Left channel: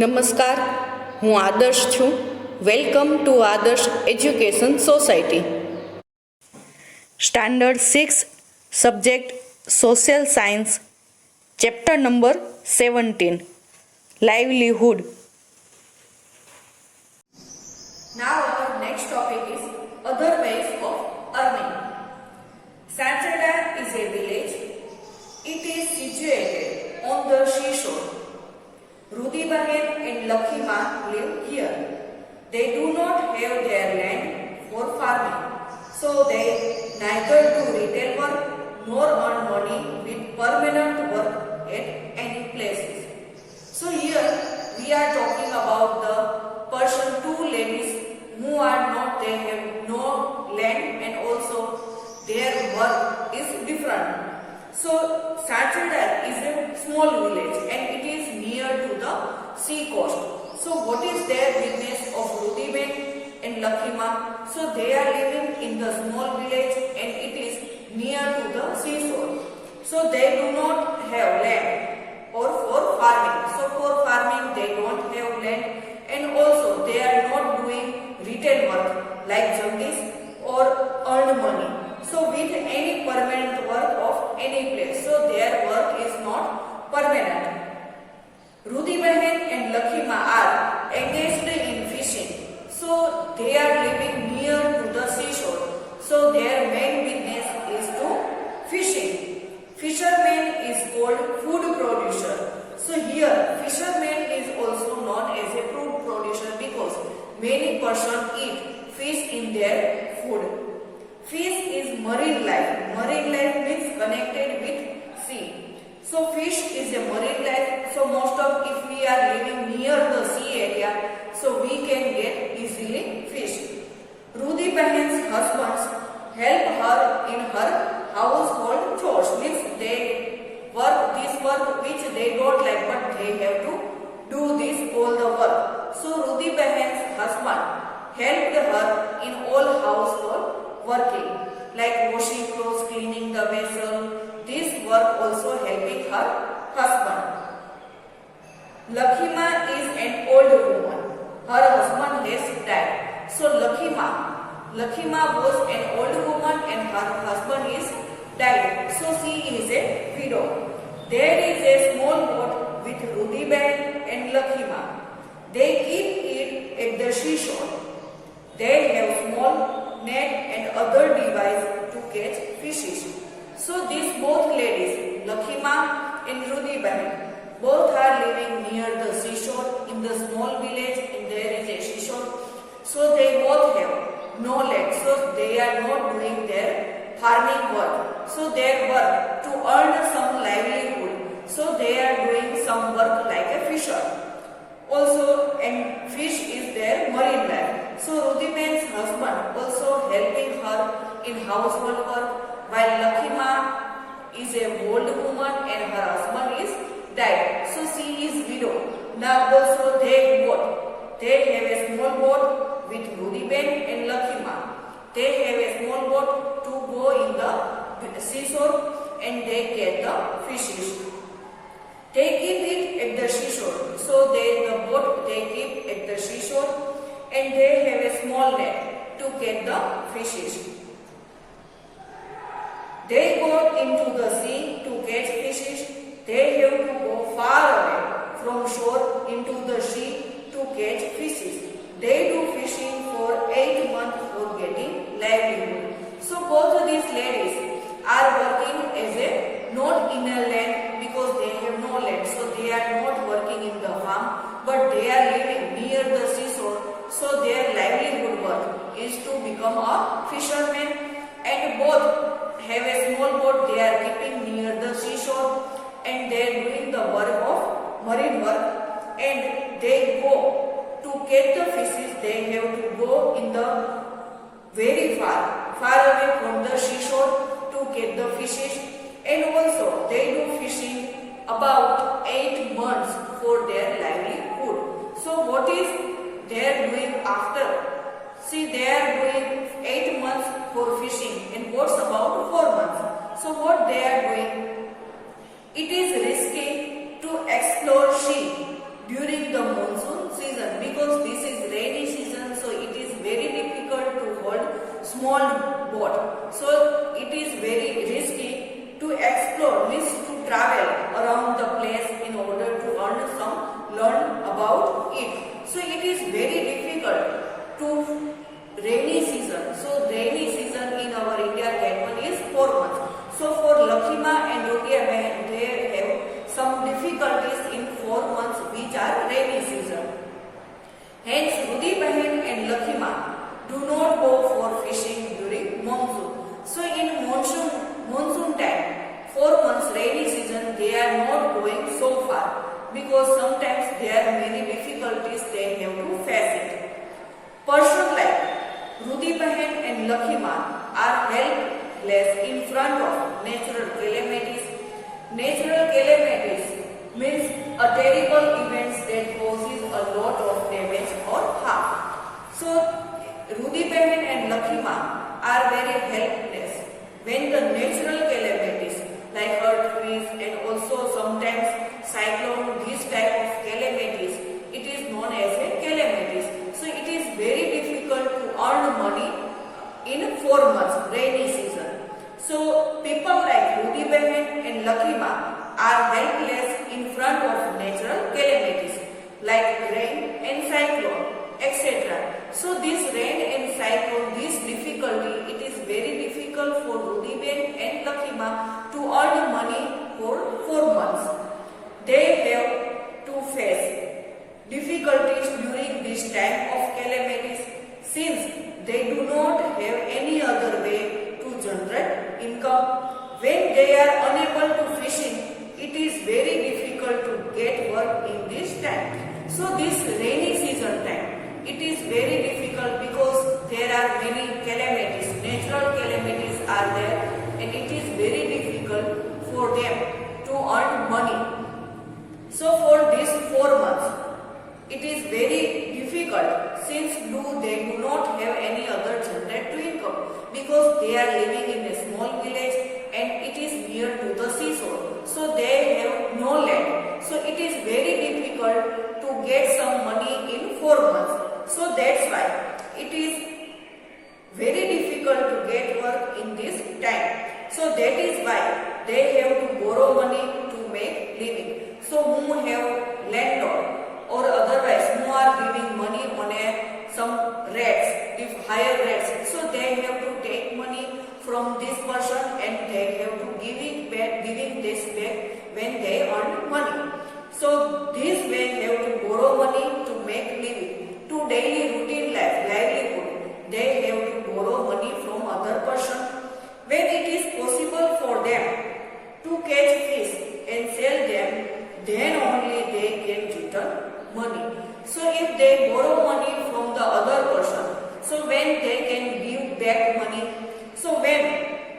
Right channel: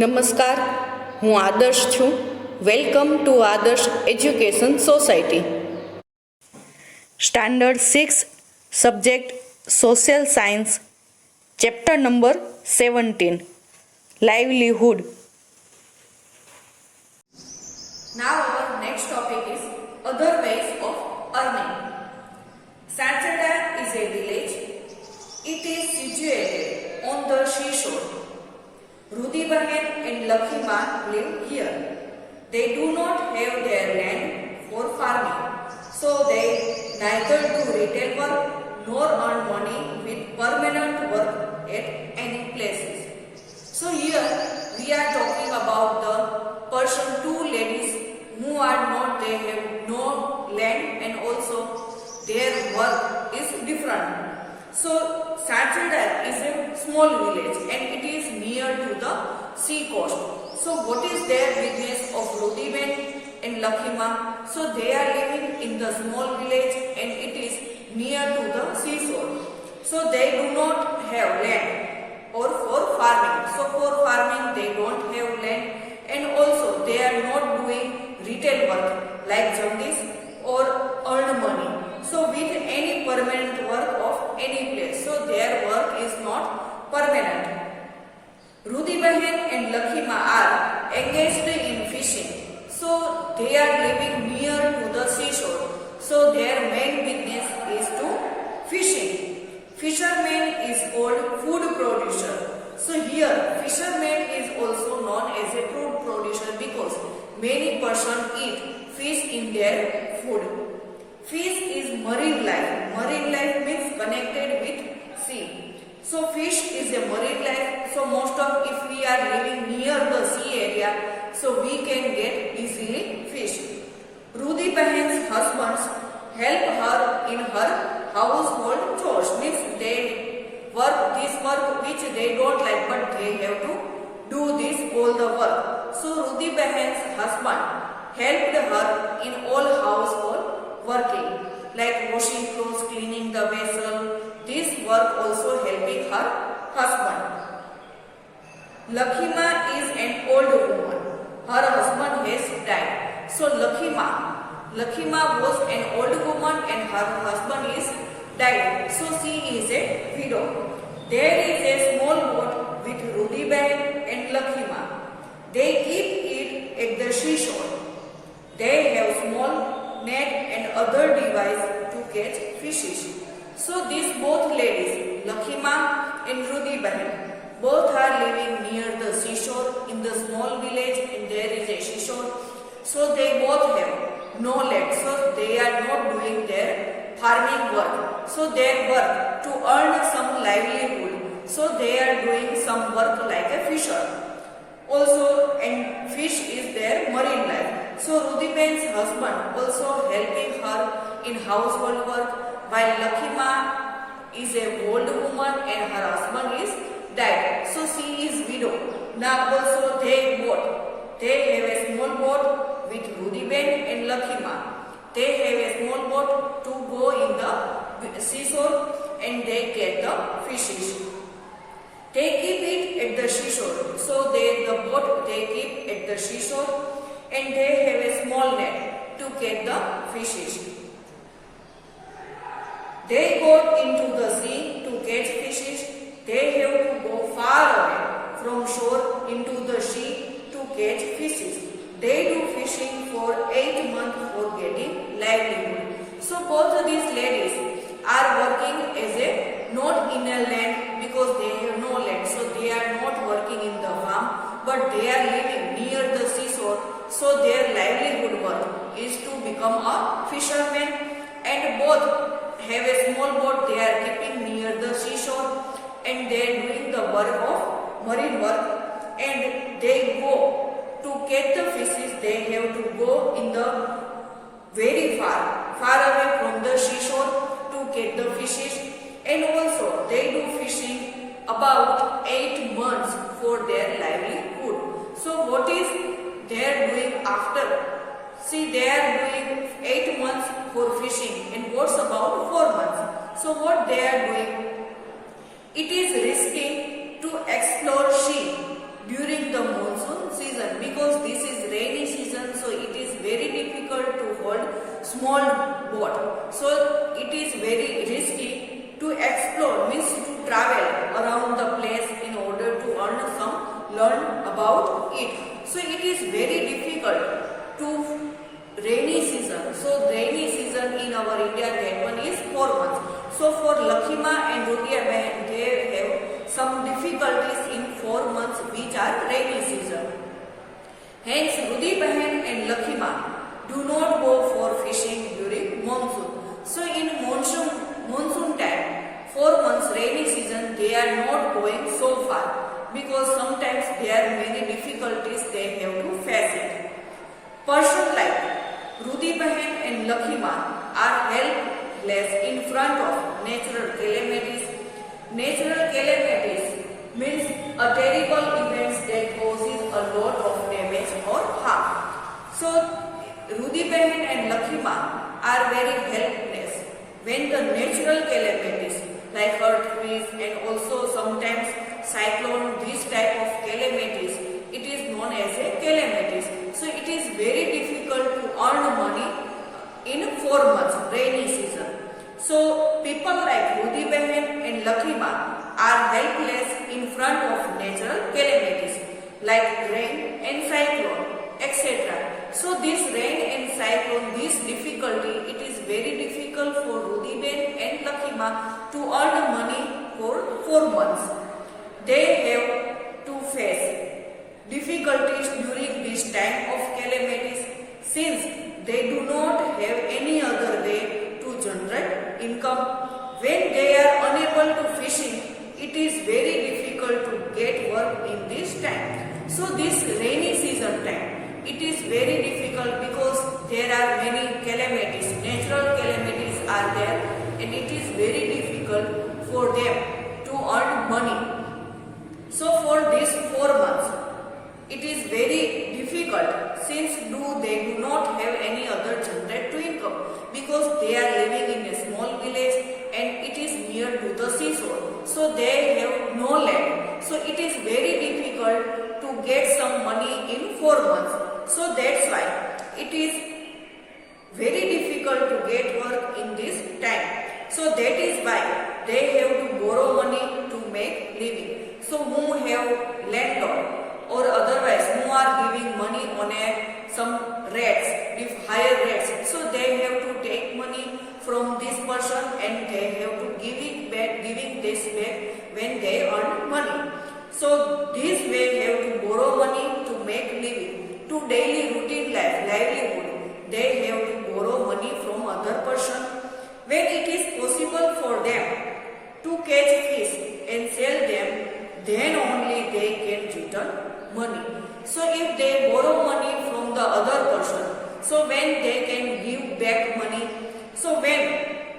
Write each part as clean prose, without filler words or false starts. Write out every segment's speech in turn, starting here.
નમસ્કાર, હું આદર્શ છું. વેલકમ ટુ આદર્શ education society. Standard 6 subject social science, chapter number 17 livelihood. Now our next topic is other ways of earning. Saturday is a village. It is situated on the seashore. Rudibahen and Lakhima live here. They do not have their land for farming, so they neither do retail work nor earn money with permanent work at any places. So here we are talking about the two ladies who are not, they have no land and also their work is different. So Sachindar is a small village and it is near to the sea coast. So what is their business of Rudiben and Lakhima? So they are living in the small village and it is near to the seashore. So they do not have land or for farming. So for farming they don't have land and also they are not doing retail work like Jagdish or earn money. So with any permanent work of any place. So their work is not permanent. Rudibahen and Lakhima are engaged in fishing. So they are living near to the seashore. So their main business is to fishing. Fisherman is called food producer. So here fisherman is also known as a food producer because many persons eat fish in their food. Fish is marine life. Marine life means connected with sea. So fish is a marine life. So most of if we are living near the sea area, so we can get easily fish. Rudy Bahen's husbands help her in her household chores. Means they work this work which they don't like, but they have to do this all the work. So Rudy Bahen's husband helped her in all household working, like washing clothes, cleaning the vessel. This work also helping her husband. Lakhima is an old woman. Her husband has died. So Lakhima was an old woman and her husband is died. So she is a widow. There is a small boat with Rudiben and Lakhima. They keep it at the seashore. They have small net and other device to catch fishes. So these both ladies, Lakhima and Rudiben, both are living near the seashore in the small village and there is a seashore. So they both have no land. So they are not doing their farming work. So their work to earn some livelihood. So they are doing some work like a fisher. Also, and fish is their marine life. So Rudiben's husband also helping her in household work, while Lakhima is a old woman and her husband is died. So she is widow. Now also they have a small boat with Rudiben and Lakhima. They have a small boat to go in the seashore and they get the fishes. They keep it at the seashore. So the boat they keep at the seashore and they have a small net to catch the fishes. They go into the sea to catch fishes. They have to go far away from shore into the sea to catch fishes. They do fishing for 8 months for getting livelihood. So both of these ladies are working as a not in a land because they have no land. So they are not working in the farm, but they are living near the seashore. So their livelihood work is to become a fisherman, and both have a small boat they are keeping near the seashore and they are doing the work of marine work, and they go to catch the fishes. They have to go in the very far away from the seashore to catch the fishes, and also they do fishing about 8 months for their livelihood. So what is they are doing after? See, they are doing 8 months for fishing, and what's about 4 months? So what they are doing? It is risky to explore sea during the monsoon small boat. So it is very risky to explore, means to travel around the place in order to learn about it. So it is very difficult to rainy season. So rainy season in our India Gate 1 is 4 months. So for Lakhima and Rudiya Behan, they have some difficulties in 4 months which are rainy season. Hence Rudi Behan and Lakhima do not go for fishing during monsoon. So in monsoon time, 4 months rainy season, they are not going so far because sometimes there are many difficulties they have to face it. Person like Rudi Behan and Lakhima are helpless in front of natural calamities. Natural calamities means a terrible event that causes a lot of damage or harm. So Rudi Behan and Lakhima are very helpless when the natural calamities like earthquakes and also sometimes cyclone, this type of calamities, it is known as a calamities. So it is very difficult to earn money in 4 months rainy season. So people like Rudi Behan and Lakhima are helpless in front of natural calamities like rain and cyclone, etc. So this rain and cyclone, this difficulty, it is very difficult for Rudi Behan and Lakhima to earn money for 4 months. They have to face difficulties during this time of calamities since they do not have any other way to generate income. When they are unable to fishing, it is very difficult to get work in this time. So this rainy season time, it is very difficult because there are many calamities, natural calamities are there, and it is very difficult for them to earn money. So for these 4 months, it is very difficult since they do not have any other generated income because they are living in a small village and it is near to the seashore. So they have no land. So it is very difficult to get some money in 4 months. So that's why it is very difficult to get work in this time. So that is why they have to borrow money to make living. So who have landlord or otherwise who are giving money on some rates, if higher rates, so they have to take money from this person and they have to giving this back when they earn money. So this way they have to borrow money to make living, to daily routine livelihood. They have to borrow money from other person. When it is possible for them to catch fish and sell them, then only they can return money. So if they borrow money from the other person, so when they can give back money, so when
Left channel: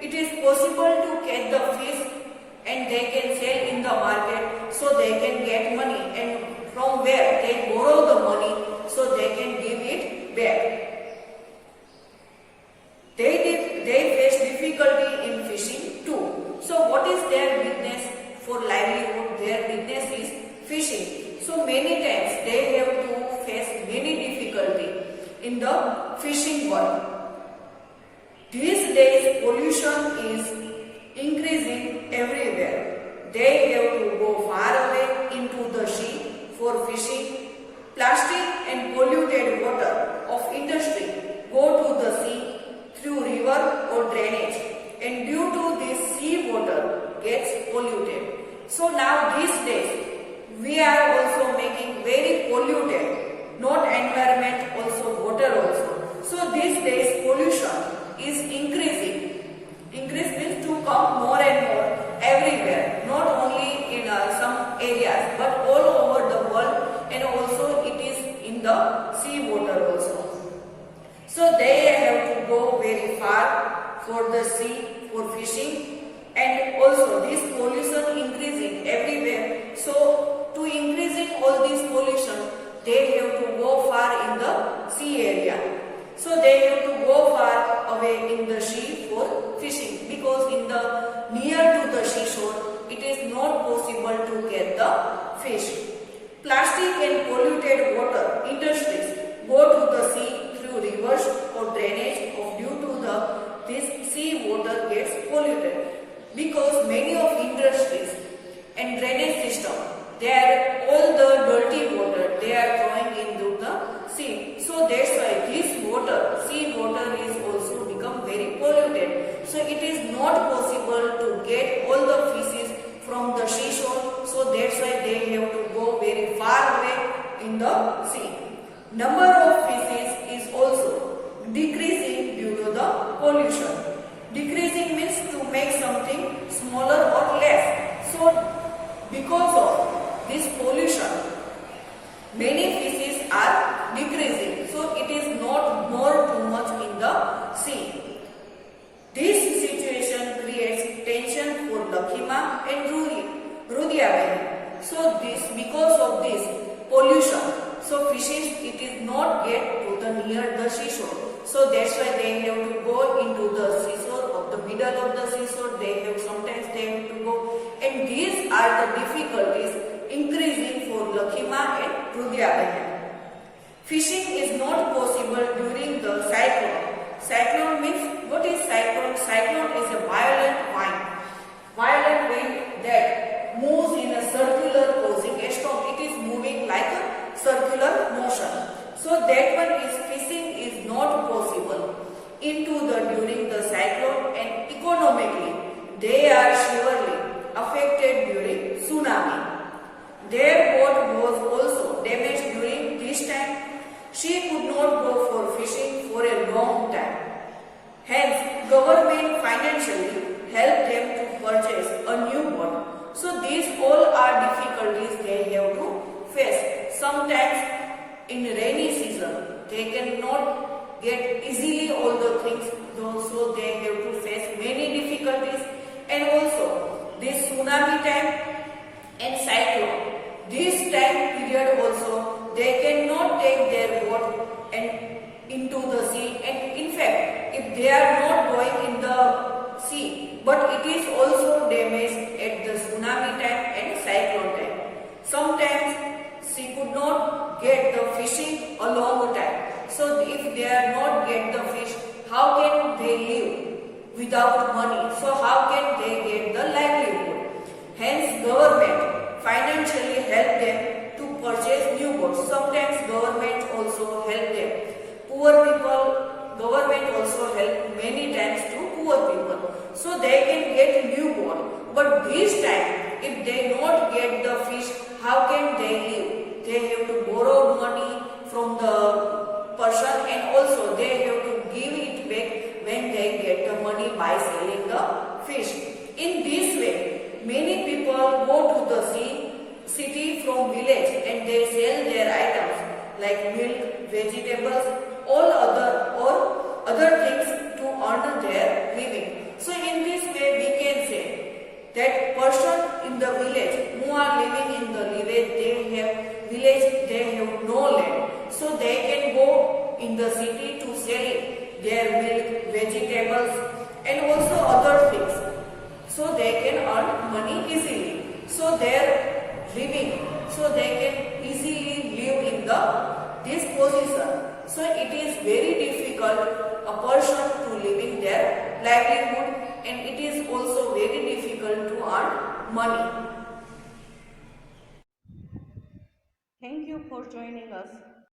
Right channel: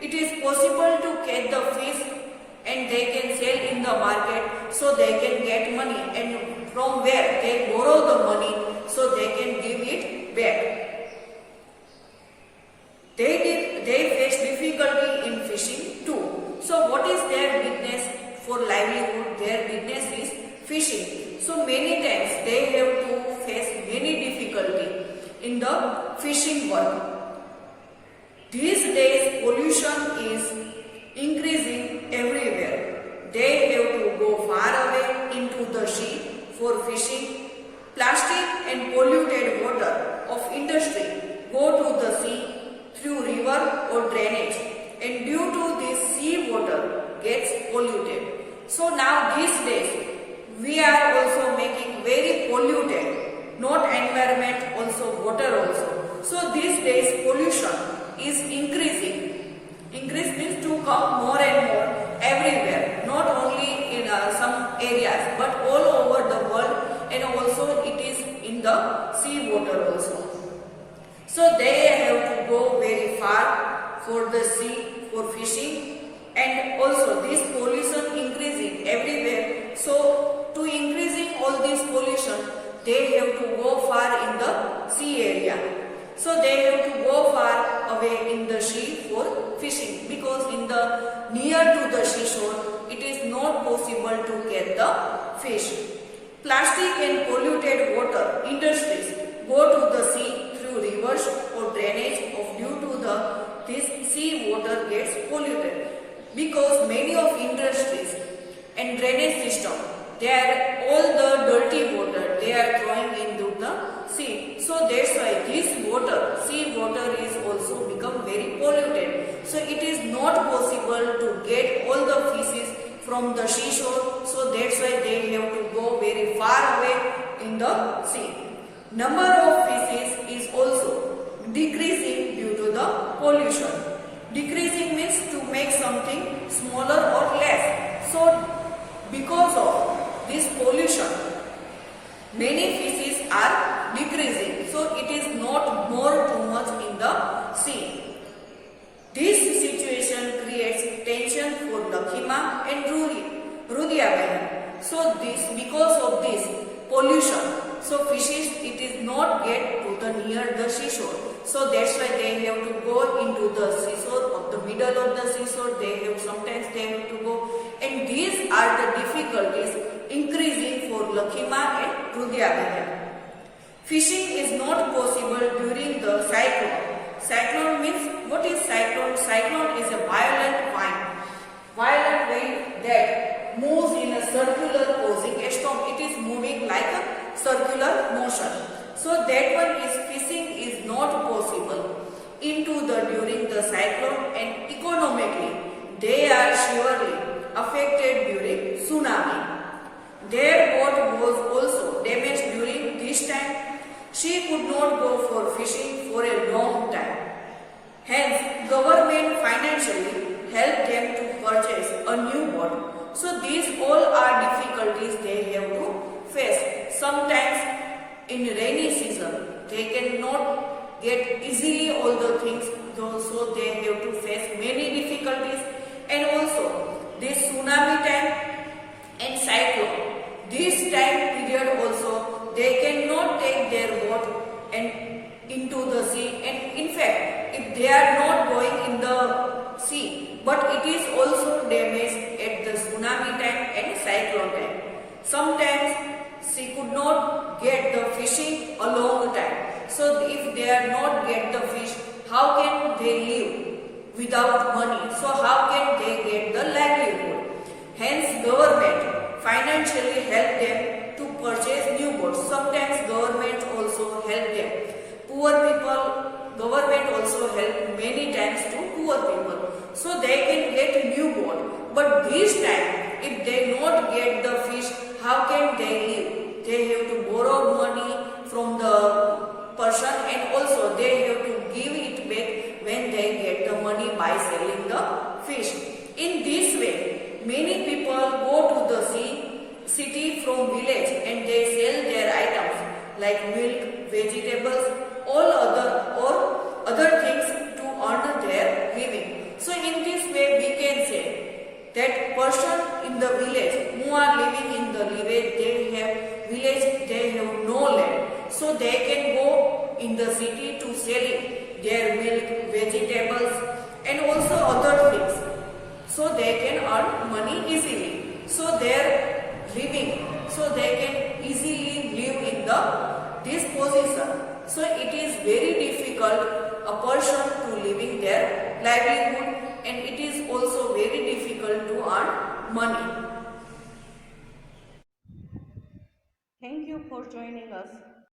it is possible to catch the fish and they can sell in the market, so they can get money, and from where they borrow the money, so they can give it back. They face difficulty in fishing too. So what is their business for livelihood? Their business is fishing. So many times they have to face many difficulty in the fishing world. These days pollution is increasing everywhere. They have to go far away into the sea for fishing. Plastic and polluted water of industry go to the sea through river or drainage, and due to this sea water gets polluted. So now these days we are also making very polluted, not environment, also water also. So these days pollution is increasing. Increase means to come more and more everywhere, not only in some areas but all over the world, and also it is in the sea water also. So they have to go very far for the sea for fishing, and also this pollution increasing everywhere. So to increasing all this pollution, they have to go far in the sea area. So they have to go far away in the sea for fishing, because in the near to the seashore it is not possible to get the fish. Plastic and polluted water industries go to the sea through rivers or drainage due to in the sea. Number of fishes is also decreasing due to the pollution. Decreasing means to make something smaller or less. So because of this pollution, many fishes are decreasing. So it is not more too much in the sea. This situation creates tension for Lakhima and Rudhyabeni. So because of this pollution, so fishes it is not yet put near the seashore. So that's why they have to go into the seashore, of the middle of the seashore. Sometimes they have to go, and these are the difficulties increasing for Lakhima and Rudhyabeni. Fishing is not possible during the cyclone. Cyclone means, what is cyclone? Cyclone is a violent wind that moves in a circular causing a storm. It is moving like a circular motion. So that one is fishing is not possible during the cyclone, and economically they are severely affected during tsunami. Their boat was also damaged during this time. She could not go for fishing for a long time. Hence, government financially helped them to purchase a new boat. So these all are difficulties they have to face. Sometimes in rainy season, they cannot get easily all the things, so they have to face many difficulties. And also this tsunami time and cyclone, this time period also they cannot take their boat and into the sea. And in fact, if they are not going in the sea, but it is also damaged at the tsunami time and cyclone time. Sometimes she could not get the fishing a long time. So if they are not get the fish, how can they live without money? So how can they get the livelihood? Hence government financially help them to purchase new boats. Sometimes government also help them. Poor people, government also help many times to poor people, so they can get new boat. But this time, if they not get the fish, how can they live? They have to borrow money from the person, and also they have to give it back when they get the money by selling the fish. In this way, many people go to the city from village, and they sell their items like milk, vegetables, all other things to earn their living. So in this way we can say that person in the village who are living in the village, they have no land, so they can go in the city to sell their milk, vegetables, and also other things, so they can earn money easily. So their living, so they can easily live in this position. So it is very difficult a person to living their livelihood, and it is also very difficult to earn money. Thank you for joining us.